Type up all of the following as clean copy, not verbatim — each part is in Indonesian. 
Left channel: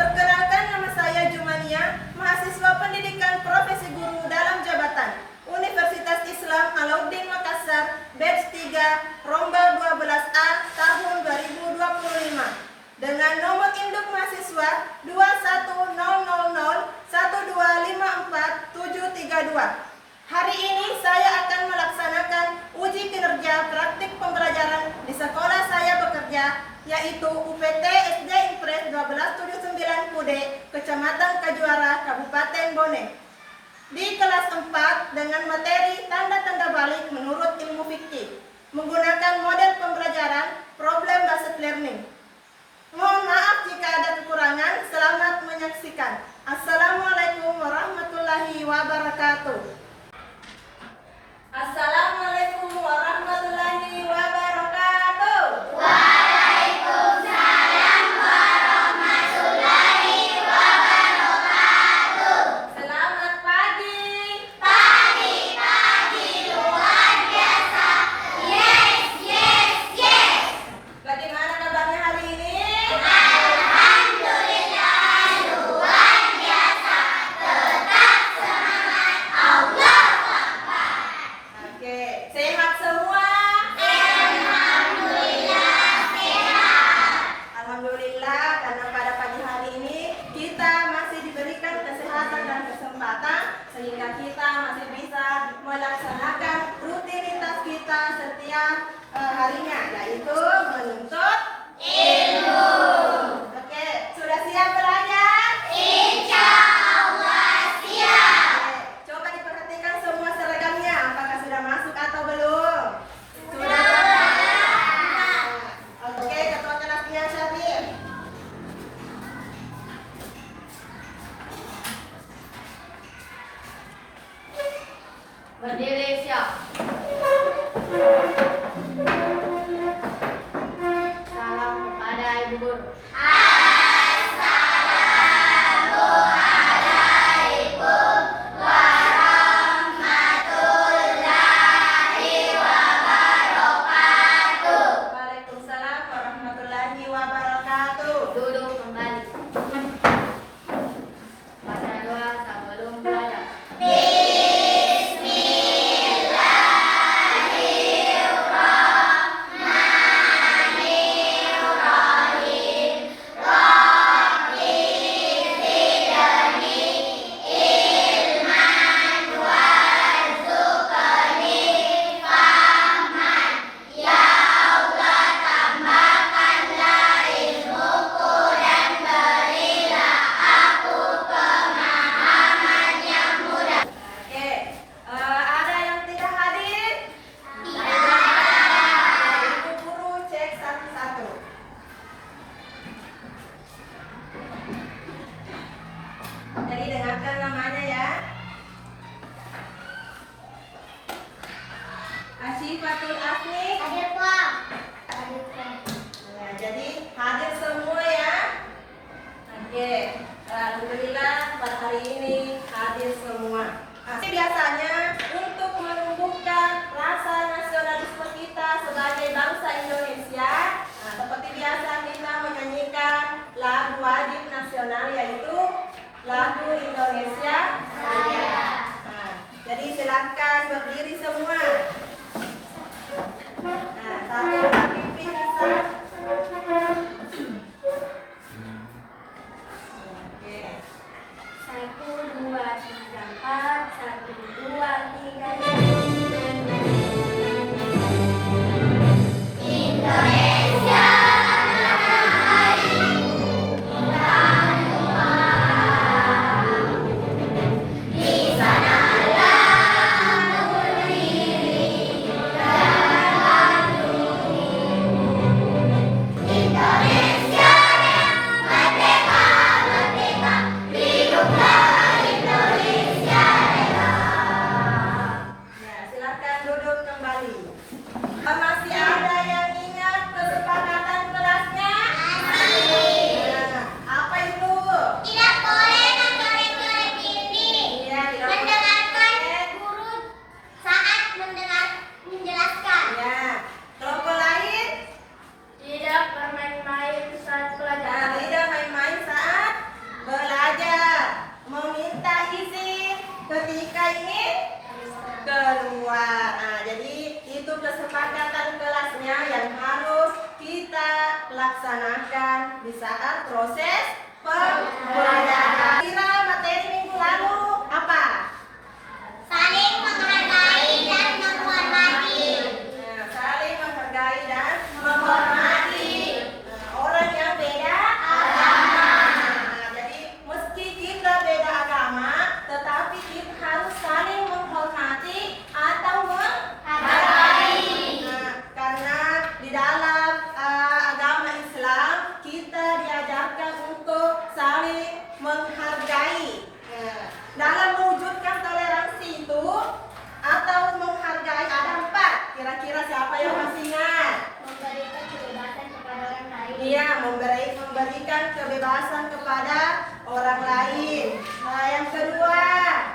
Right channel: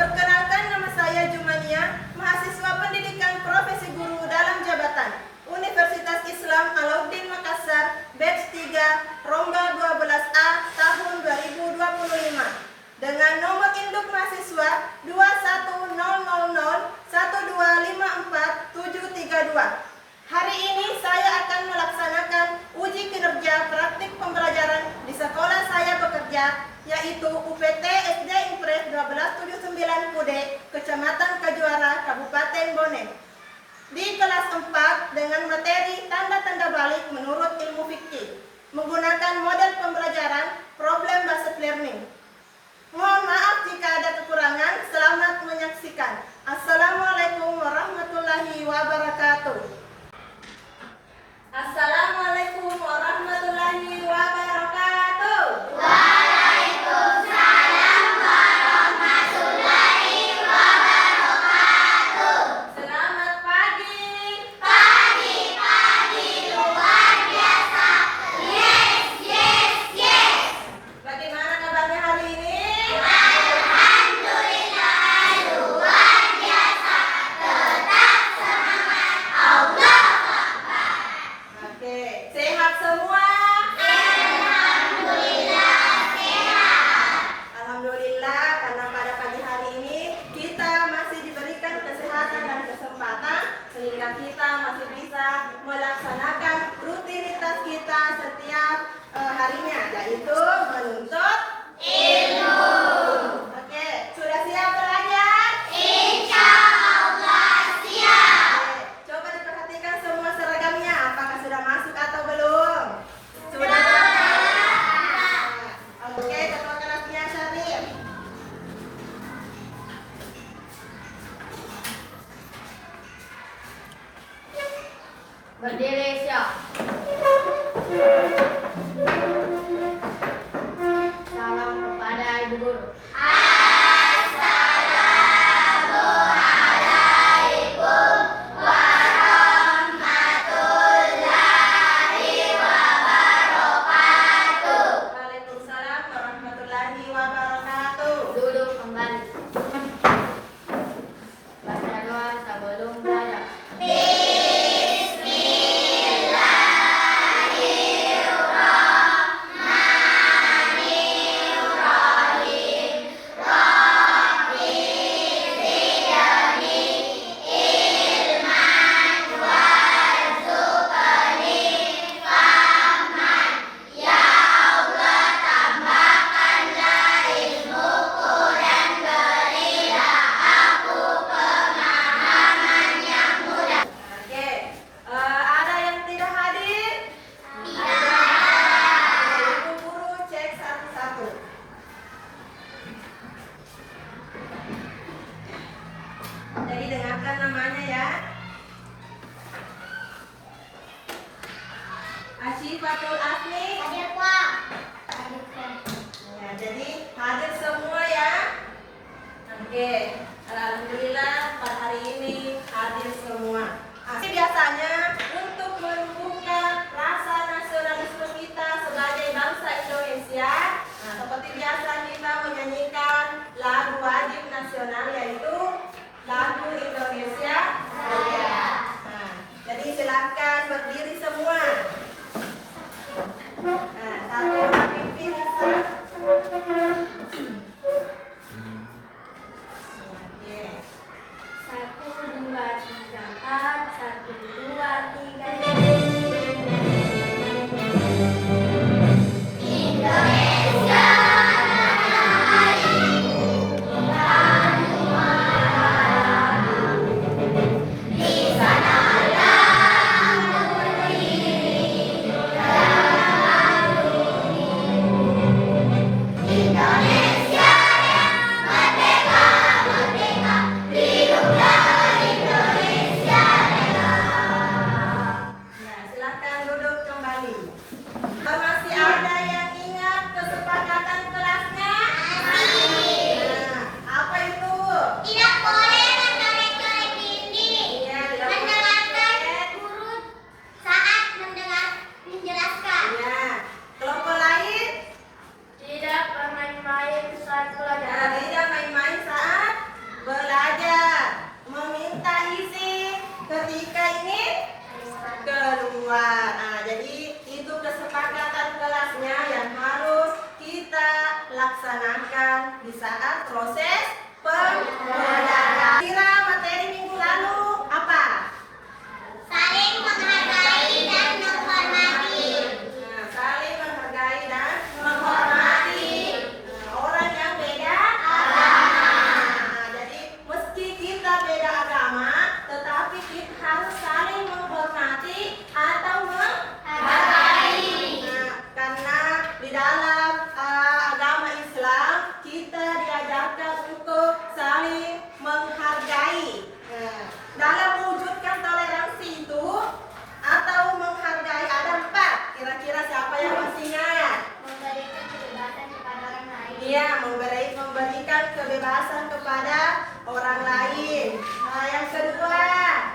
Perkenalkan, nama saya Jumania, mahasiswa pendidikan profesi guru dalam jabatan Universitas Islam Alauddin Makassar, batch 3, Rombal 12A tahun 2025 dengan nomor induk mahasiswa 21000125432. Hari ini saya akan melaksanakan uji kinerja praktik pembelajaran di sekolah saya bekerja, yaitu UPT SD Impres 1279 Kude, Kecamatan Kajuara, Kabupaten Bone. Di kelas 4 dengan materi tanda-tanda balik menurut ilmu fikih, menggunakan model pembelajaran problem-based learning. Mohon maaf jika ada kekurangan, selamat menyaksikan. Assalamualaikum warahmatullahi wabarakatuh. Assalamualaikum warahmatullahi wabarakatuh. Waalaikumsalam warahmatullahi wabarakatuh. Selamat pagi. Pagi luar biasa. Yes. Bagaimana kabarnya hari ini? Alhamdulillah luar biasa. Tetap semangat. Allah Akbar. Oke, sehat semua? Alhamdulillah sehat. Alhamdulillah, karena pada pagi hari ini kita masih diberikan kesehatan dan kesempatan sehingga kita masih bisa melaksanakan rutinitas kita setiap harinya, yaitu menuntut Ilmu. Oke, sudah siap belajar? Insya Allah siap. Oke, coba diperhatikan semua seragamnya, apakah sudah masuk atau belum? Sudah. Oke, ketua kelasnya Syarif. Berdiri siap. Salam kepada Ibu Guru. Assalamualaikum warahmatullahi wabarakatuh. Waalaikumsalam warahmatullahi wabarakatuh. Duduk kembali. Baca doa sebelum belajar. Oke, ada yang tidak hadir? Ibu guru cek satu-satu. Jadi dengarkan namanya ya. Asyifatul Asni. Hadir, Pak. Ya, jadi hadir semua ya. Oke, alhamdulillah pada hari ini hadir semua. Biasanya untuk membuka rasa nasionalisme kita sebagai bangsa Indonesia, seperti biasa kita menyanyikan lagu wajib nasional, yaitu lagu Indonesia Raya. Jadi silakan berdiri semua. Satu pimpin bisa. Oke. 1, 2, 3, 4. 1, 2, 3. Indonesia di sanalah berdiri, dalam keluar. Nah, jadi itu kesepakatan kelasnya yang harus kita laksanakan di saat proses pembelajaran. Kira materi minggu lalu apa? Saling menghargai dan menghormati. Nah, saling menghargai dan menghormati orang yang beda agama. Nah, jadi meski kita beda agama, tetapi kita harus saling menghormati atau menghargai. Nah, karena di dalam agama Islam kita diajarkan untuk saling menghargai. Nah, dalam mewujudkan toleransi itu atau menghargai ada 4. Kira-kira siapa yang masih ingat? Memberikan kebebasan kepada orang lain. Iya, memberikan kebebasan kepada orang lain. Nah, yang kedua,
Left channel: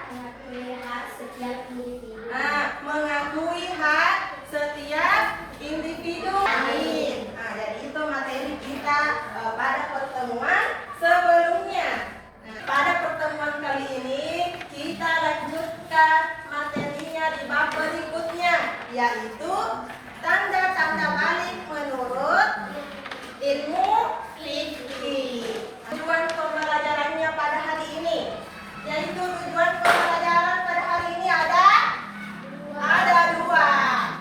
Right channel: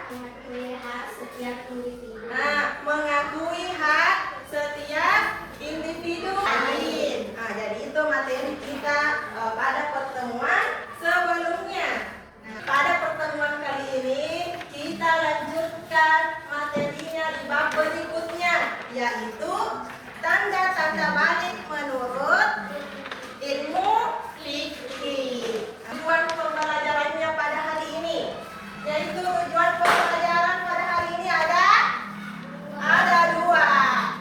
Mengakui hak setiap individu. nah, mengakui hak setiap individu lain. Nah, jadi itu materi kita pada pertemuan sebelumnya. Nah, pada pertemuan kali ini kita lanjutkan materinya di bab berikutnya, yaitu tanda-tanda balik menurut ilmu fikih. Tujuan pembelajarannya pada hari ini, yaitu tujuan pembelajaran pada hari ini ada 2.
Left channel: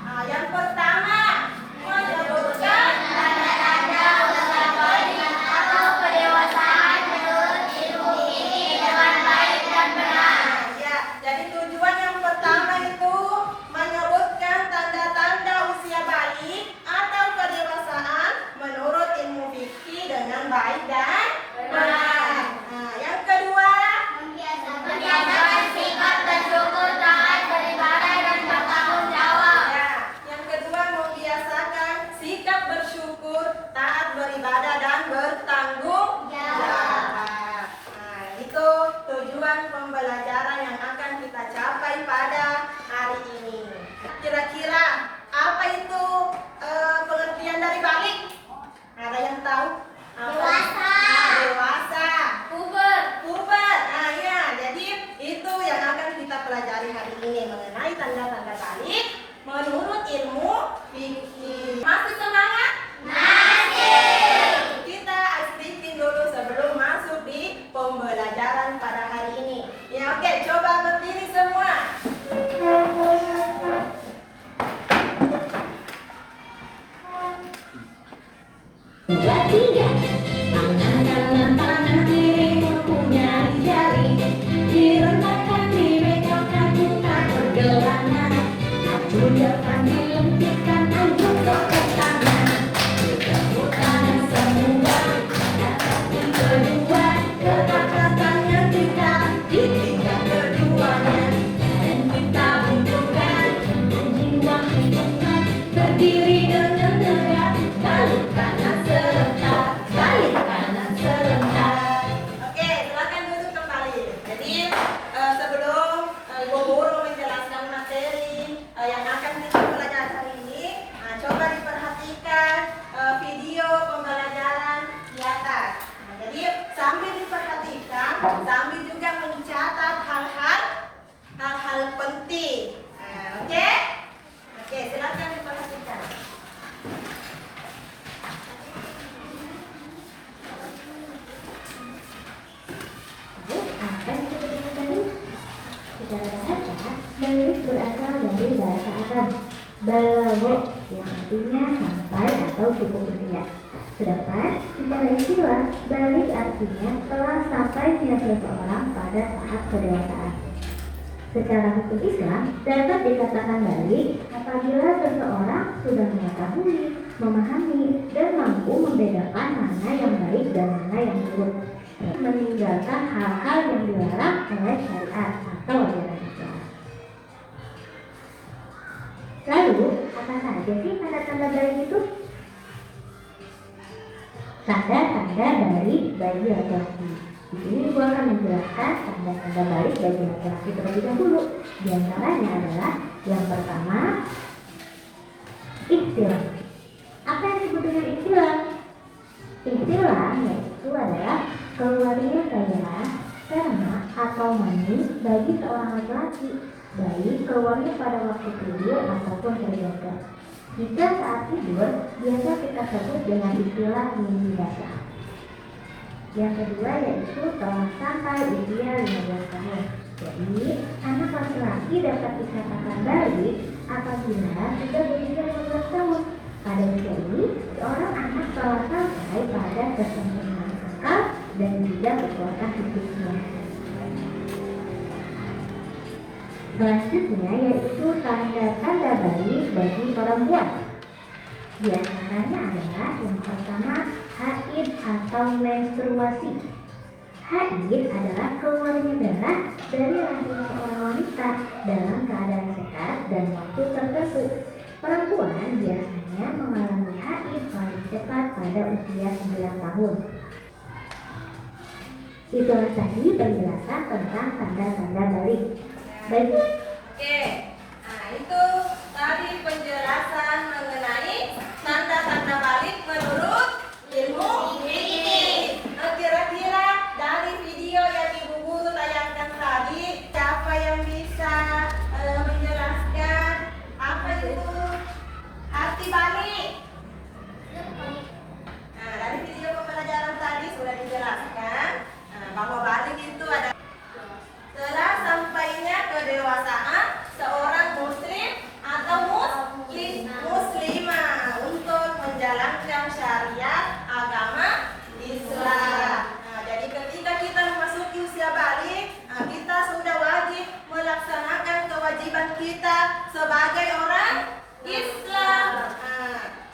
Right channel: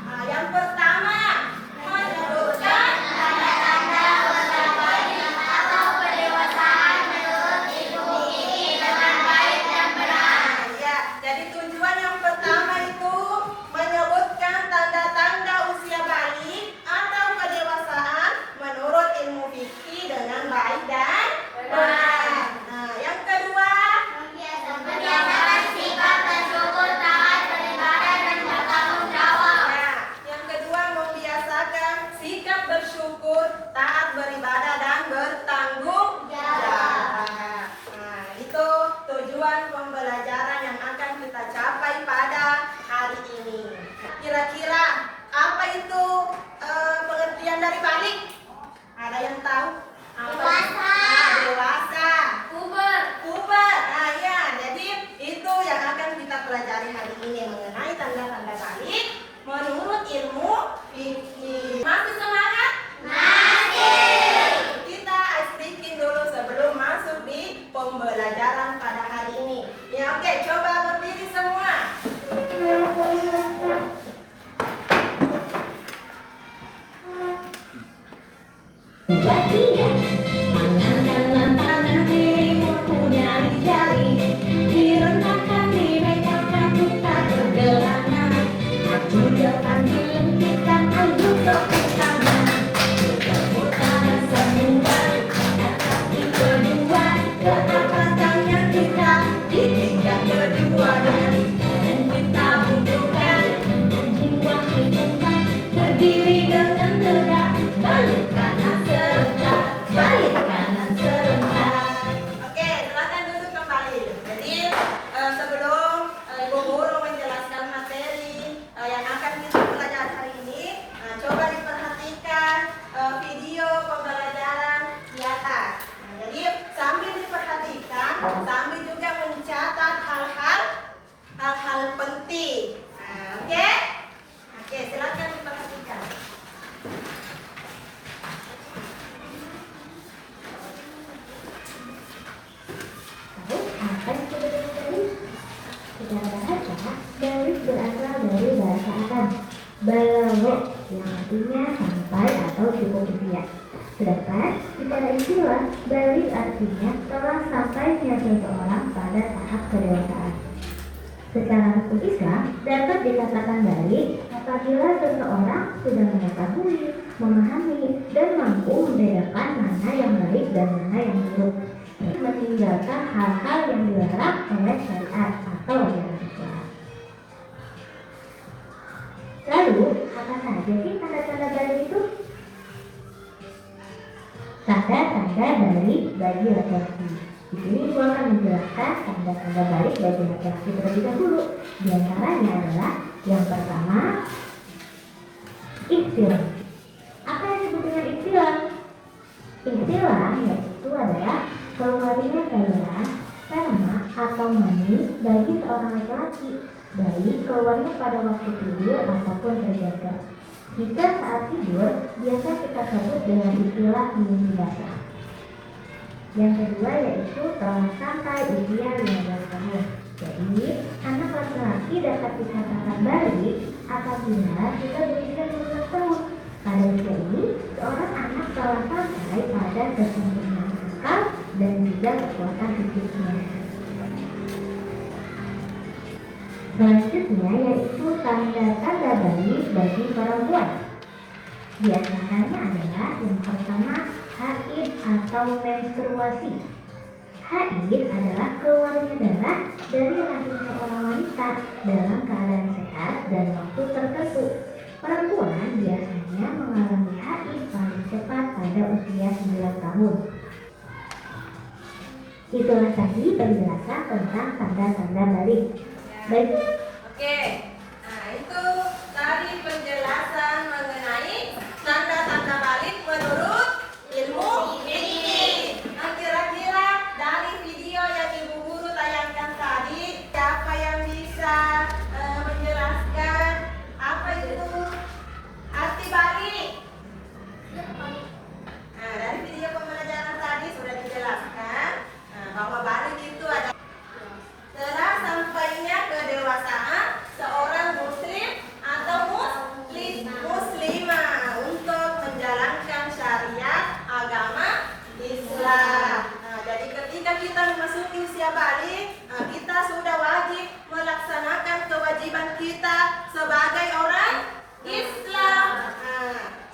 Nah, yang pertama menyebutkan tanda-tanda usia balik atau kedewasaan menurut ilmu fikih dengan baik dan benar. Ya, jadi tujuan yang pertama itu menyebutkan tanda-tanda usia balik atau kedewasaan menurut ilmu fikih dengan baik dan benar. Nah, yang kedua Membiasakan sikap bersyukur, taat, beribadah, dan bertanggung jawab. Nah, yang kedua membiasakan sikap bersyukur, taat beribadah dan bertanggung jawab. Nah, itu tujuan pembelajaran yang akan kita capai pada hari ini. Kira-kira apa itu pengertian dari balik? Ada yang tahu? Dewasa. Nah, dewasa. Puber. Puber. Nah, ya, jadi itu yang akan kita pelajari hari ini mengenai tanda-tanda balik menurut ilmu fikih. Masih semangat? Masih. Kita istiqin dulu sebelum masuk di pembelajaran pada hari ini. Ya, oke, coba berdiri semua. Tiga, tangan dalam tangan kiri mempunyai jari, direntangkan di bengkelkan bukan pergelangan, maju depan dilengkitkan aju tepuk tangan, tepuk tangan semua, angkat kaki kedua, letakkan tangan kita di tingkat keduanya, dan kita butuhkan jiwa hitungan, berdiri dengan tegak, balik kanan serentak, balik kanan serentak. Oke, silakan duduk kembali. Jadi sebelum Ibu Guru menjelaskan materi yang akan kita pelajari hari ini, coba diperhatikan video pembelajaran di atas. Nah, jadi sambil diperhatikan, sambil juga mencatat hal-hal penting. Nah, oke? Oke, silakan diperhatikan. Apa yang kita dengar tadi? Secara bahasa, balik berasal dari bahasa Arab balagh yang artinya sampai atau cukup sekian. Sedangkan secara istilah, balik artinya telah sampainya seseorang pada tahap kedewasaan. Secara hukum Islam, dapat dikatakan balik apabila seseorang sudah mengetahui, memahami, dan mampu membedakan mana yang baik dan mana yang buruk, meninggalkan hal-hal yang dilarang oleh syariat atau ajaran Islam. Lalu, apa saja sih tanda-tanda balik itu? Tanda-tanda balik bagi laki-laki. Di sini gua akan menjelaskan tanda-tanda balik bagi laki-laki terlebih dahulu. Di antaranya adalah yang pertama, istilah. Apa yang disebut dengan istilah? Istilah yaitu adalah keluarnya cairan, sperma atau mani bagi seorang laki-laki baik keluarnya pada waktu tidur ataupun terjaga. Jika saat tidur, biasa kita sebut dengan istilah mimpi basah. Yang kedua yaitu telah sampai usia 15 tahun. Jadi, anak laki-laki dapat dikatakan balik apabila sudah berusia 12 tahun. Pada usia ini, seorang anak telah sampai pada kesempurnaan akal dan juga kekuatan fisiknya. Selanjutnya yaitu tanda-tanda balik bagi perempuan. Di antaranya adalah yang pertama haid atau menstruasi. Haid adalah keluarnya darah dari rahimnya orang wanita dalam keadaan sehat dan waktu tertentu. Perempuan biasanya mengalami haid paling cepat pada usia 9 tahun. Itulah tadi penjelasan tentang tanda-tanda balik. Baik. Oke, nah itu tadi penjelasan mengenai tanda-tanda balik menurut ilmu fikih. Nah, kira-kira dari video yang Ibu Guru tayangkan tadi, siapa yang bisa menjelaskan apa itu arti balik? Nah, dari video pembelajaran tadi sudah dijelaskan bahwa balik itu ada setelah sampainya kedewasaan seorang muslim atau muslimah untuk menjalankan syariat agama Islam. Nah, jadi ketika kita memasuki usia balik, kita sudah wajib melaksanakan kewajiban kita sebagai orang Islam.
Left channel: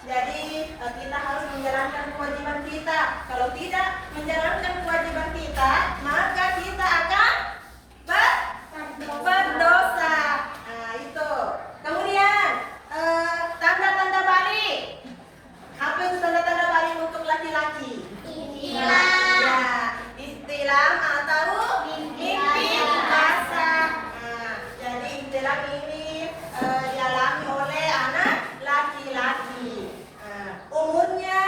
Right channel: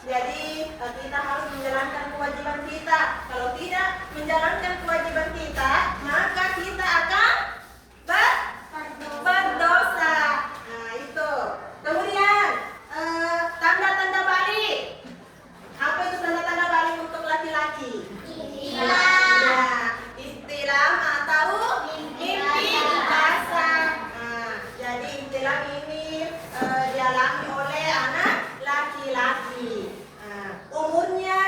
Jadi kita harus menjalankan kewajiban kita. Kalau tidak menjalankan kewajiban kita, maka kita akan berdosa. Nah, itu. Kemudian tanda-tanda balik. Apa itu tanda-tanda balik untuk laki-laki? Ihtilam atau mimpi basah. Nah, jadi ihtilam ini dialami oleh anak laki-laki. Umurnya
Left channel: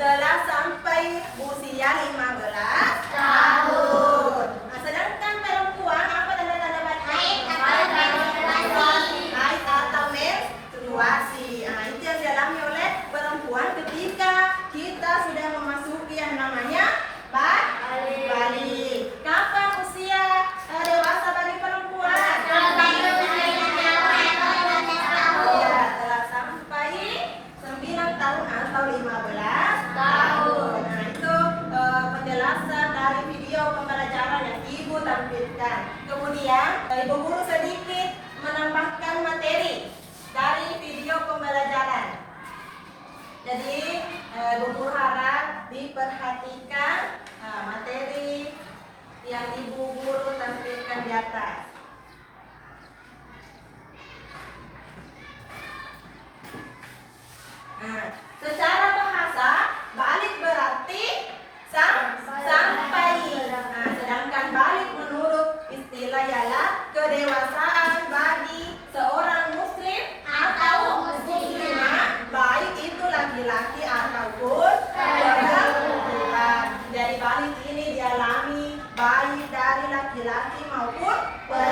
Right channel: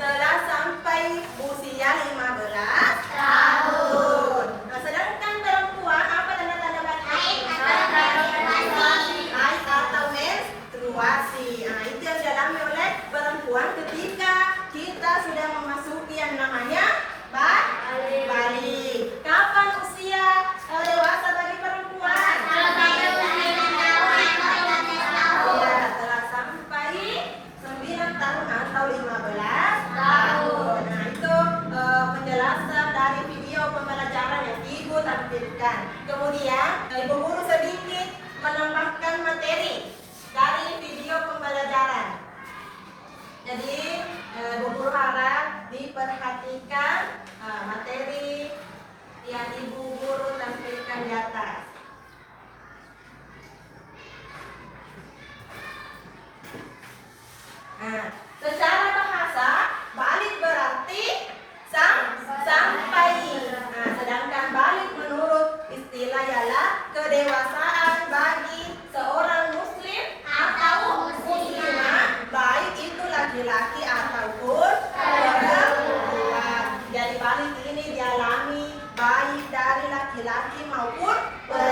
telah sampai usia 15 tahun. Nah, sedangkan perempuan apa tanda-tanda balik? Haid atau menstruasi. Nah, itu yang dialami oleh perempuan ketika kita sudah memasuki yang namanya balik. Kapan usia dewasa bagi perempuan? Ya, telah sampai 9 tahun atau 15 tahun. Nah, itu penjelasan dari video pembelajaran yang Ibu tampilkan. Kemudian Ibu Guru sedikit menambahkan materi dari video pembelajaran. Jadi Ibu Guru harap diperhatikan materi yang Ibu Guru tampilkan di atas. Nah, secara bahasa balik berarti sampai. Nah, sedangkan balik menurut istilah ialah kedewasaan bagi seorang muslim atau muslimah, baik itu laki-laki ataupun perempuan. Jadi balik ini dialami baik dari laki-laki maupun perempuan.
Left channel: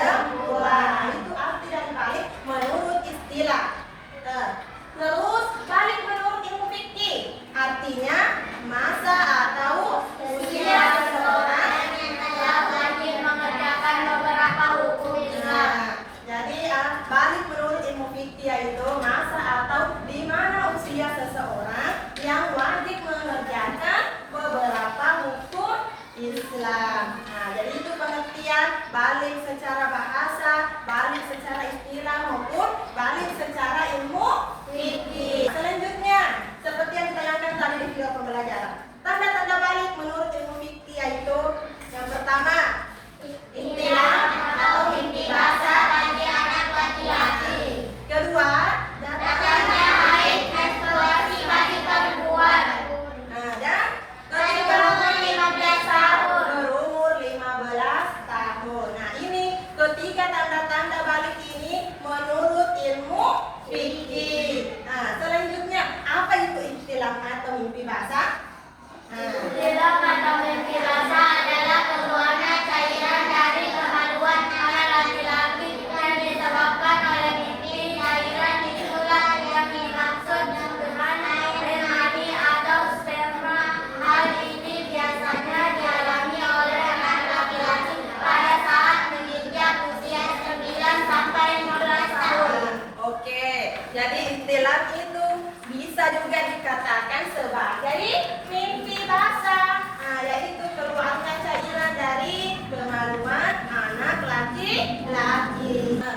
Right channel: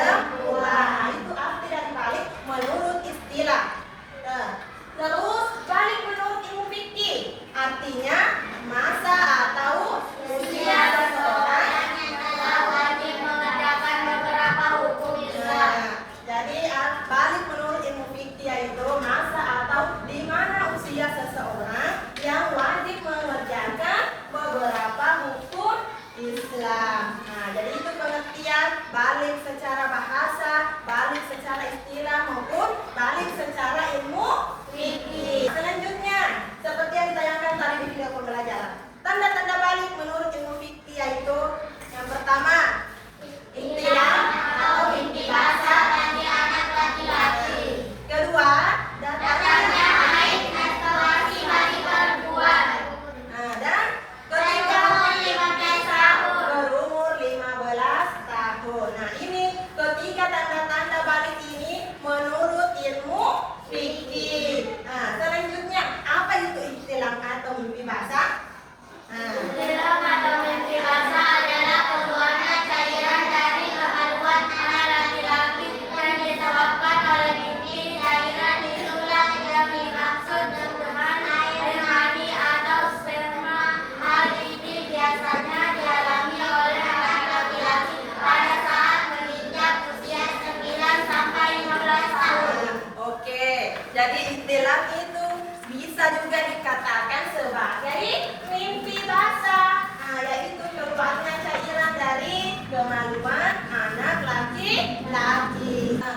Jadi istilah itu bisa juga dikatakan sebagai mimpi basah. Nah, yaitu keluarnya cairan dari kemaluan anak laki-laki. Nah,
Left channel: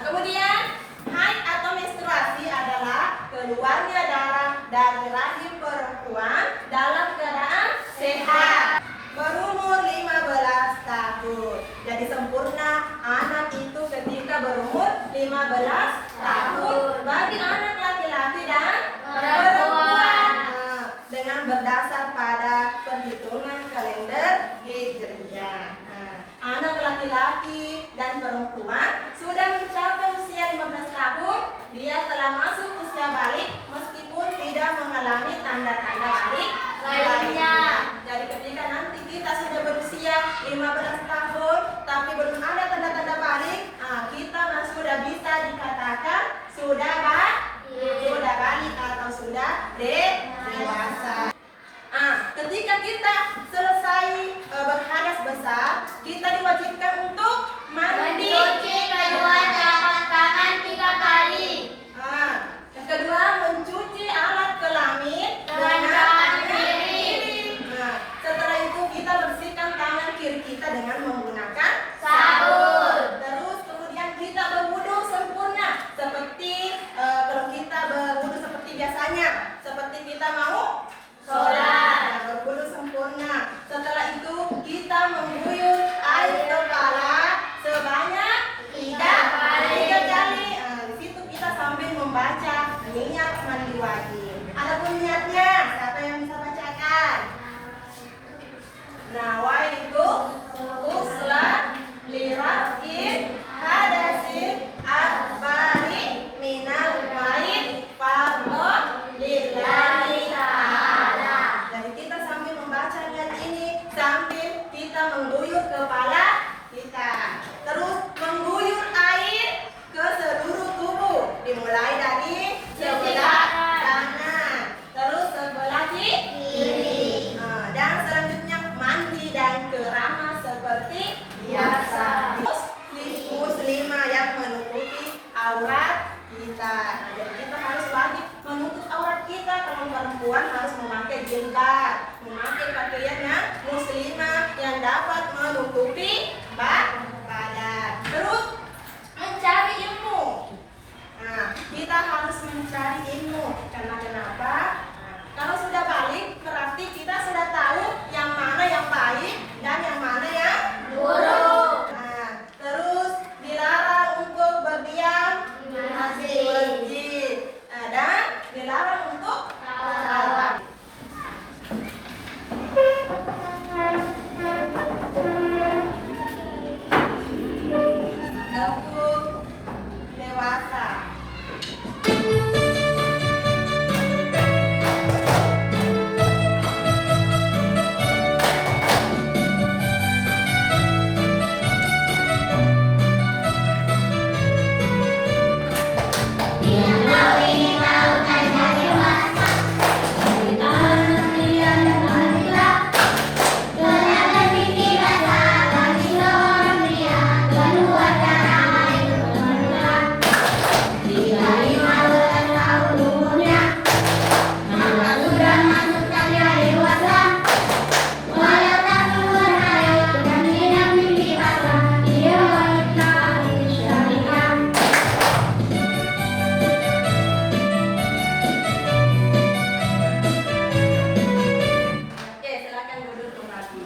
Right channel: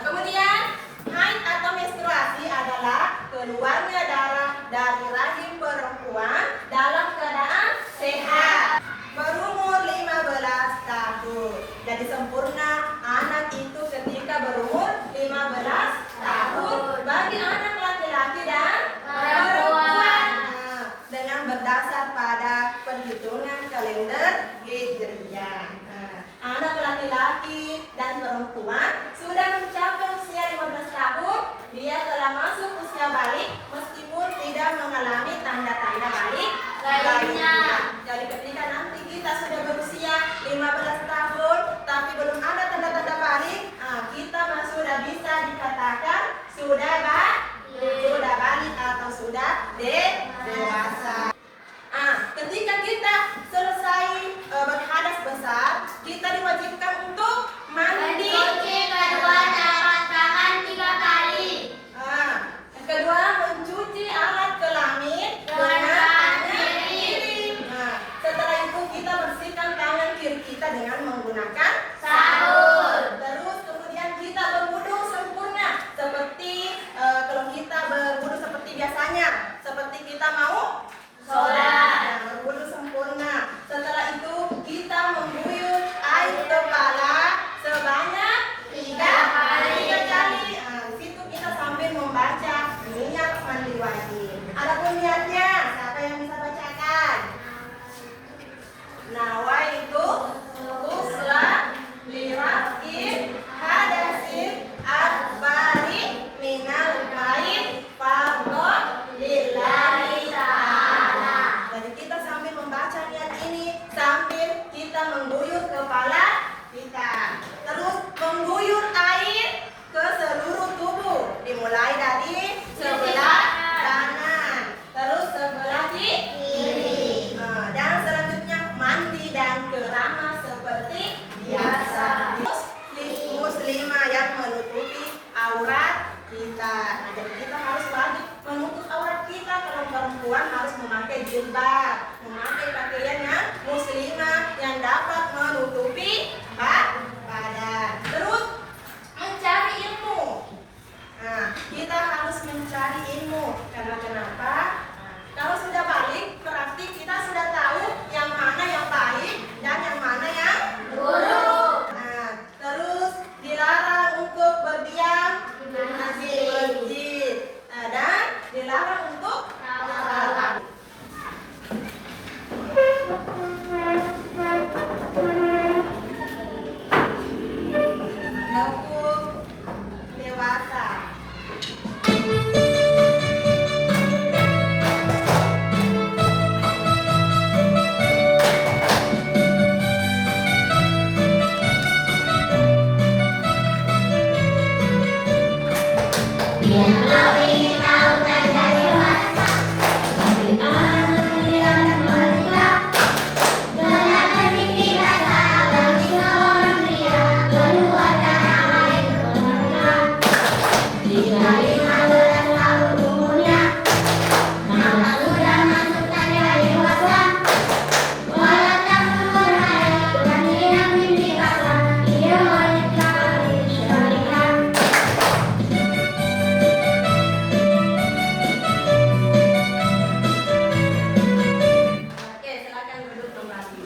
kemudian haid atau menstruasi adalah keluarnya darah dari rahim perempuan dalam keadaan sehat berumur 15 tahun. Jadi sempurna anak itu ketika berumur 15 tahun bagi anak laki-laki dan perempuan. Nah, dengan berdasar pada perhitungan kalender Hijriah. Nah, anak laki-laki dan perempuan sudah mencapai usia 15 tahun, dia telah masuk usia balik meskipun tidak mengalami tanda-tanda balik lainnya. Jadi ketika nanti kita sudah berusia 15 tahun tapi belum ada tanda-tanda balik, kita sudah bisa dikatakan sudah balik atau sudah dewasa. Ketika kita selesai berhadas besar, kita diwajibkan untuk mandi. Mencuci kedua telapak tangan 3 kali. Yang kedua, mencuci alat kelamin dengan tangan kiri. Setelah itu kita bersihkan tangan kiri kita dengan menggunakan Sabun. Terus kemudian kita berwudu sempurna seperti kalau kita berwudu seperti biasanya, seperti kita mau sholat. Berwudu sempurna. Setelah itu kita mengguyur air kepala sebanyak 3 kali. Di situ kita sambil membaca niat mandi wajib. Adapun niatnya, siapa yang bisa bacakan? Nawaitu usla lirafin hadasin akbari minal baik fardhon lillahi ta'ala. Jadi kita sambil membaca niat ini sambil kita mengguyur kepala kita. Terus mengguyur air ke seluruh tubuh, dimulai dari sebelah kanan, terus sebelah kiri. Dan selanjutnya mandi dan keramas seperti biasa. Muslimah yang menutupi aurat kita. Jadi kita harus wajib menutup aurat kita. Kalau perempuan harus memakai jilbab, memakai pakaian yang muslimah yang dapat menutupi badan. Terus mencari ilmu. Kita harus mencari ilmu. Karena kenapa? Kalau sudah balik, berarti kita sudah tahu yang mana yang baik dan yang mana yang buruk. Terus dilarang untuk berdiam di masjid dan dilarang untuk salat. Hukum dewasa.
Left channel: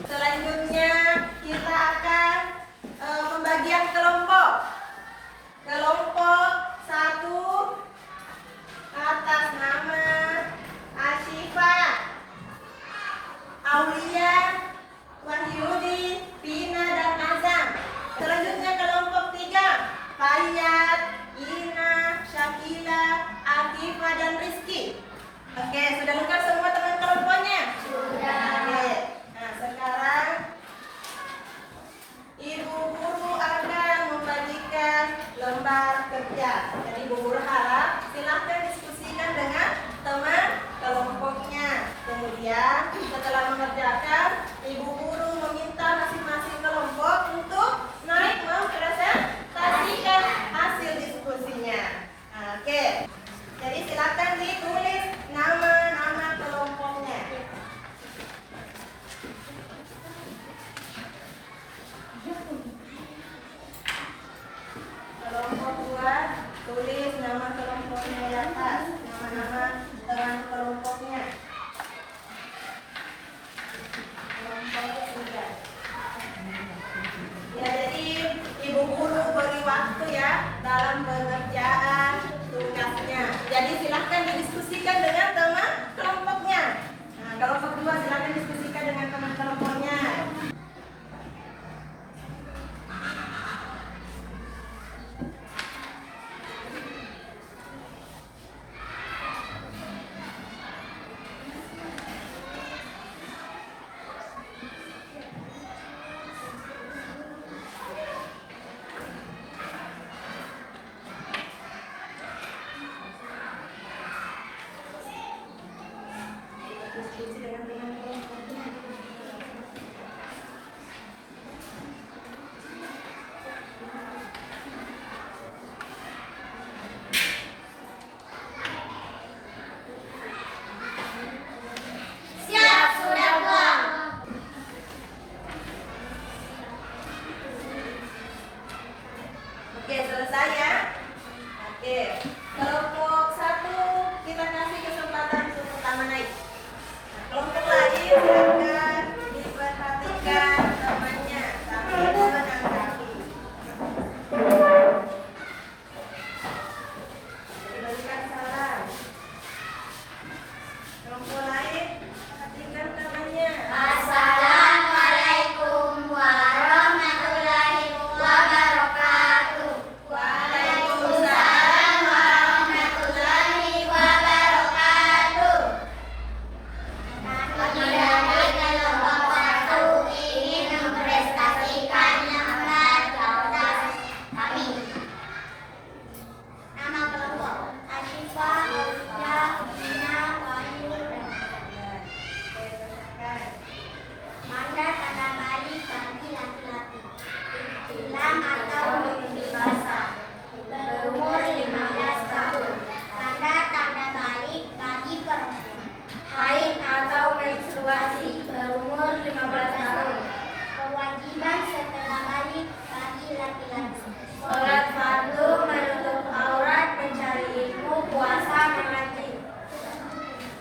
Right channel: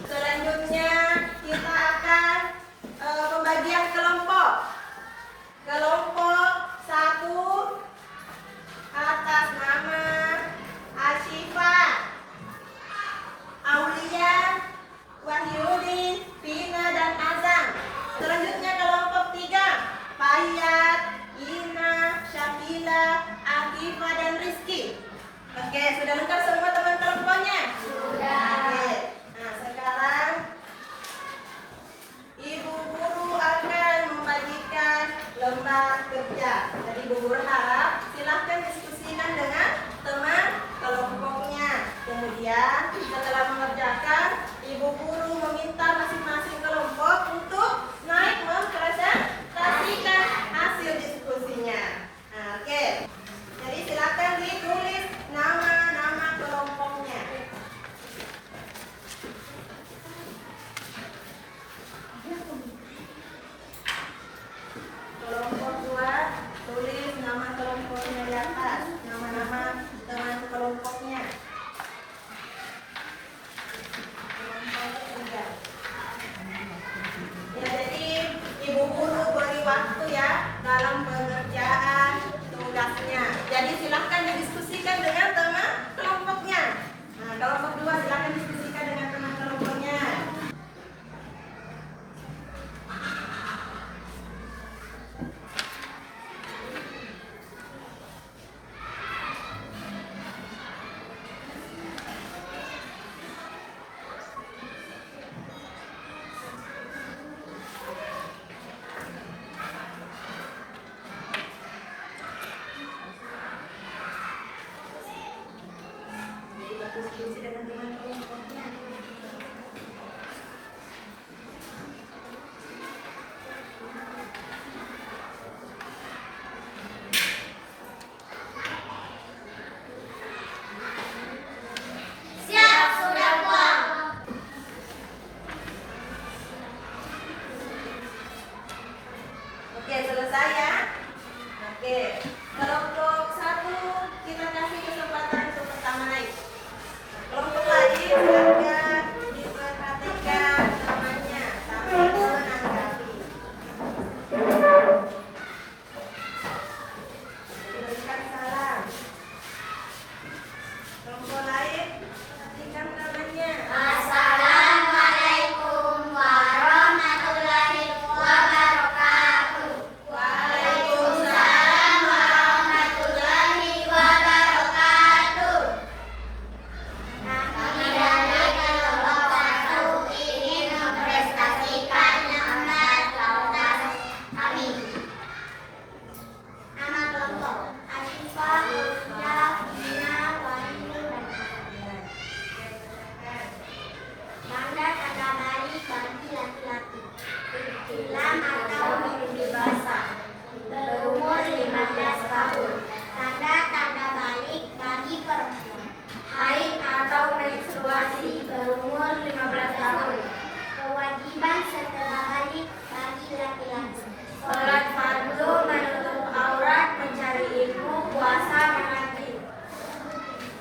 Selanjutnya kita akan pembagian kelompok. Kelompok 1 atas nama Asyifa, Aulia, Wahyudi, Pina, dan Azam. Selanjutnya kelompok 3 Fayat, Ina, Syakila, Afifah, dan Rizky. Oke, sudah lengkap semua teman kelompoknya? Sudah. Oke. Nah, sekarang Ibu Guru akan membagikan lembar kerja. Jadi Ibu Guru harap silahkan diskusikan dengan teman kelompoknya. Kemudian setelah mengerjakan, Ibu Guru meminta masing-masing kelompok untuk naik mempresentasikan hasil diskusinya. Oke. Jadi Tulis nama kelompoknya di atas, nama-nama teman kelompoknya. Kelompok ketiga. Ya, jadi ibu guru beri waktu ya dalam pengerjaan tugasnya. Jadi silahkan didiskusikan dengan teman kelompoknya. Nah, kelompok 2 silahkan diskusikan dengan teman kelompoknya. Diskusi dengan teman kelompoknya. Siap, sudah pulang. Oke, selesai ya. Oke, kelompok 1 kita kasih kesempatan untuk pertama naik. Kelompok lain silakan diperhatikan temannya sambil menanggapi. Berikan salam. Kelompok lain perhatikan temannya. Assalamualaikum warahmatullahi wabarakatuh. Waalaikumsalam warahmatullahi wabarakatuh. Kami dari kelompok 1 ingin memprestasikan nama kelompok kami. Nama kelompok Asyifa, Ulja, Dina, Wahyu, dan Manda tanda balik bagi laki-laki. Hilang atau mimpi basah. Berumur 15 tahun. Tanda balik bagi perempuan. Haid atau menstruasi. Berumur 15 tahun. Kewajiban setelah balik bagi laki-laki. Sholat fardu, menutup aurat, mencari ilmu, puasa, mengaji.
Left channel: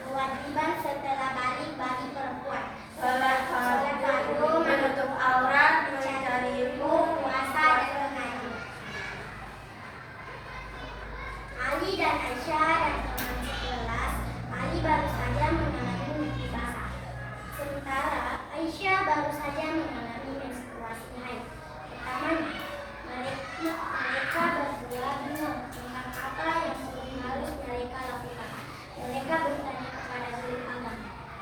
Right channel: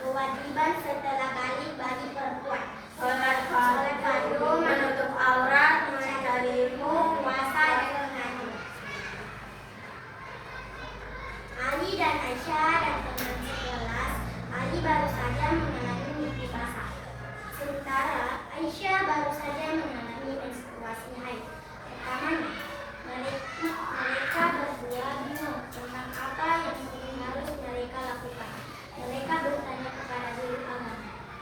Kewajiban setelah balik bagi perempuan. Sholat fardu, menutup aurat, mencari ilmu, puasa, dan mengaji. Ali dan Aisyah dan teman sekelas. Ali baru saja mengalami mimpi basah. Sementara Aisyah baru saja mengalami menstruasi haid. Pertamanya, mereka berdua bingung tentang apa yang harus mereka lakukan. Mereka bertanya kepada guru agama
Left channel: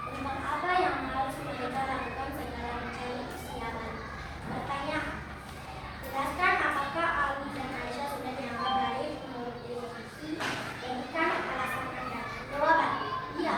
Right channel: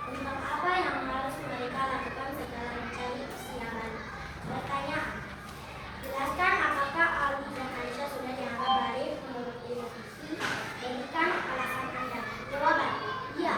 tentang apa yang harus mereka lakukan setelah mencari usia balik. Pertanyaan, jelaskan apakah Ali dan Aisyah sudah dianggap balik menurut ilmu fikih? Berikan alasan Anda. Jawaban, iya,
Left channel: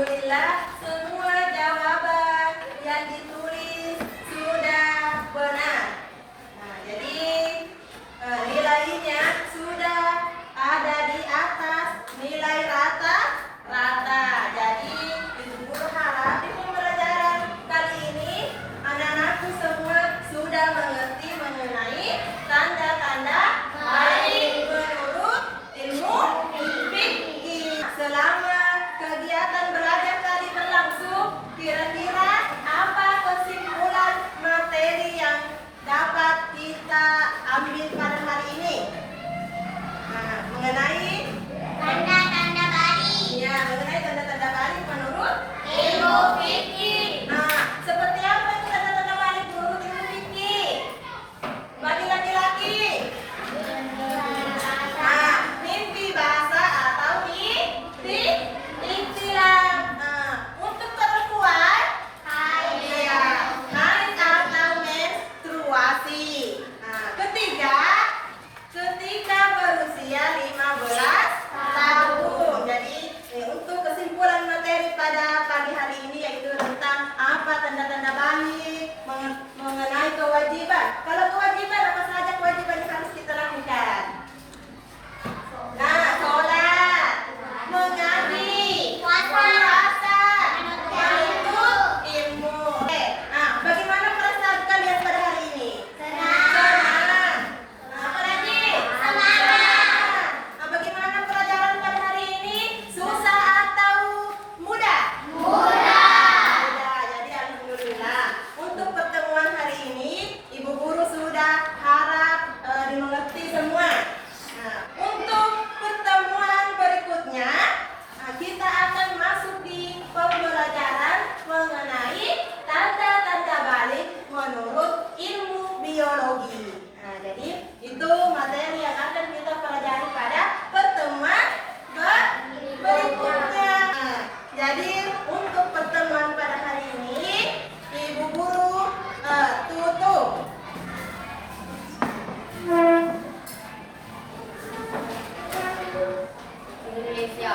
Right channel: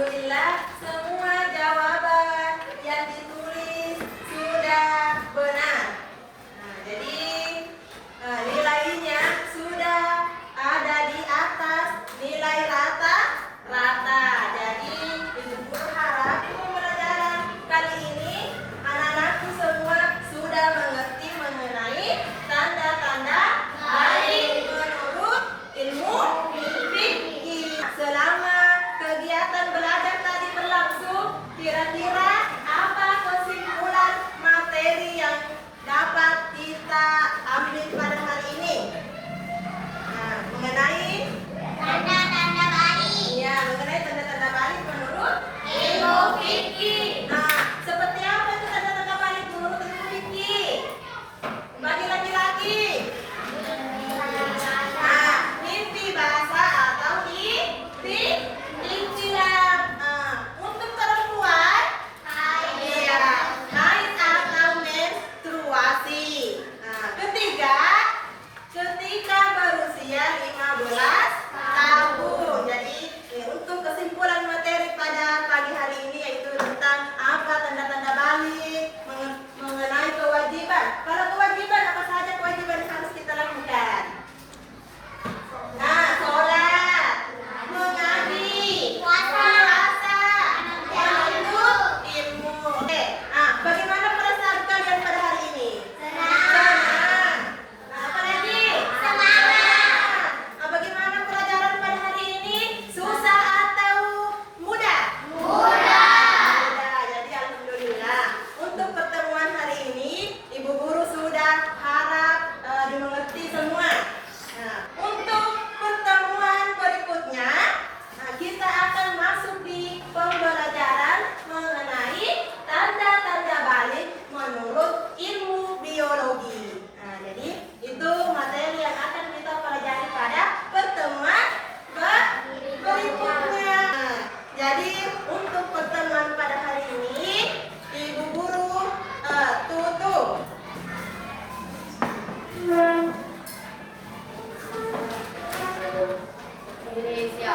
Alhamdulillah semua jawaban yang ditulis sudah benar. Nah, jadi nilainya sudah ada di atas nilai rata-rata. Jadi Ibu Guru harap di pembelajaran kali ini anak-anakku semua sudah mengerti mengenai tanda-tanda baik menurut ilmu fikih. Selama kegiatan belajar tadi berlangsung, kira-kira apa kesimpulan materi yang dapat kita ambil pada hari ini? Nah, mengenai Tanda-tanda balik. ya, mengenai tanda-tanda balik menurut Ilmu fikih. Nah, seperti apa itu tanda-tanda balik menurut ilmu fikih? Bagi laki-laki. Nah, mimpi basah atau ikhtilam. Nah, untuk perempuan, iya, haid atau menstruasi. Nah, ketika berusia 15 tahun. Jadi, untuk kesimpulan materi pada pagi hari ini yaitu tentang apa tanda-tanda balik, mengenai kewajiban. Kalau kewajiban, apa saja kewajiban yang harus kita lakukan? Nah, sholat, mengabdi, puasa, menuntut ilmu. Nah, bagaimana perasaan kalian pada hari ini? Senang. Nah, apa lagi? Semangat. Nah, bagaimana pelajaran pada hari ini? Susah atau mudah? Mudah. Jadi alhamdulillah untuk pertemuan hari ini Ibu Guru sudah harap dimengerti semua. Nah, untuk pertemuan berikutnya kita akan masuk di pembelajaran mengenai tanda-tanda balik menurut ilmu biologi. Nah, jadi itu materi yang akan kita pelajari pada pertemuan berikutnya. Nah, jadi untuk pertemuan pada hari ini Ibu Guru tutup. Indonesia.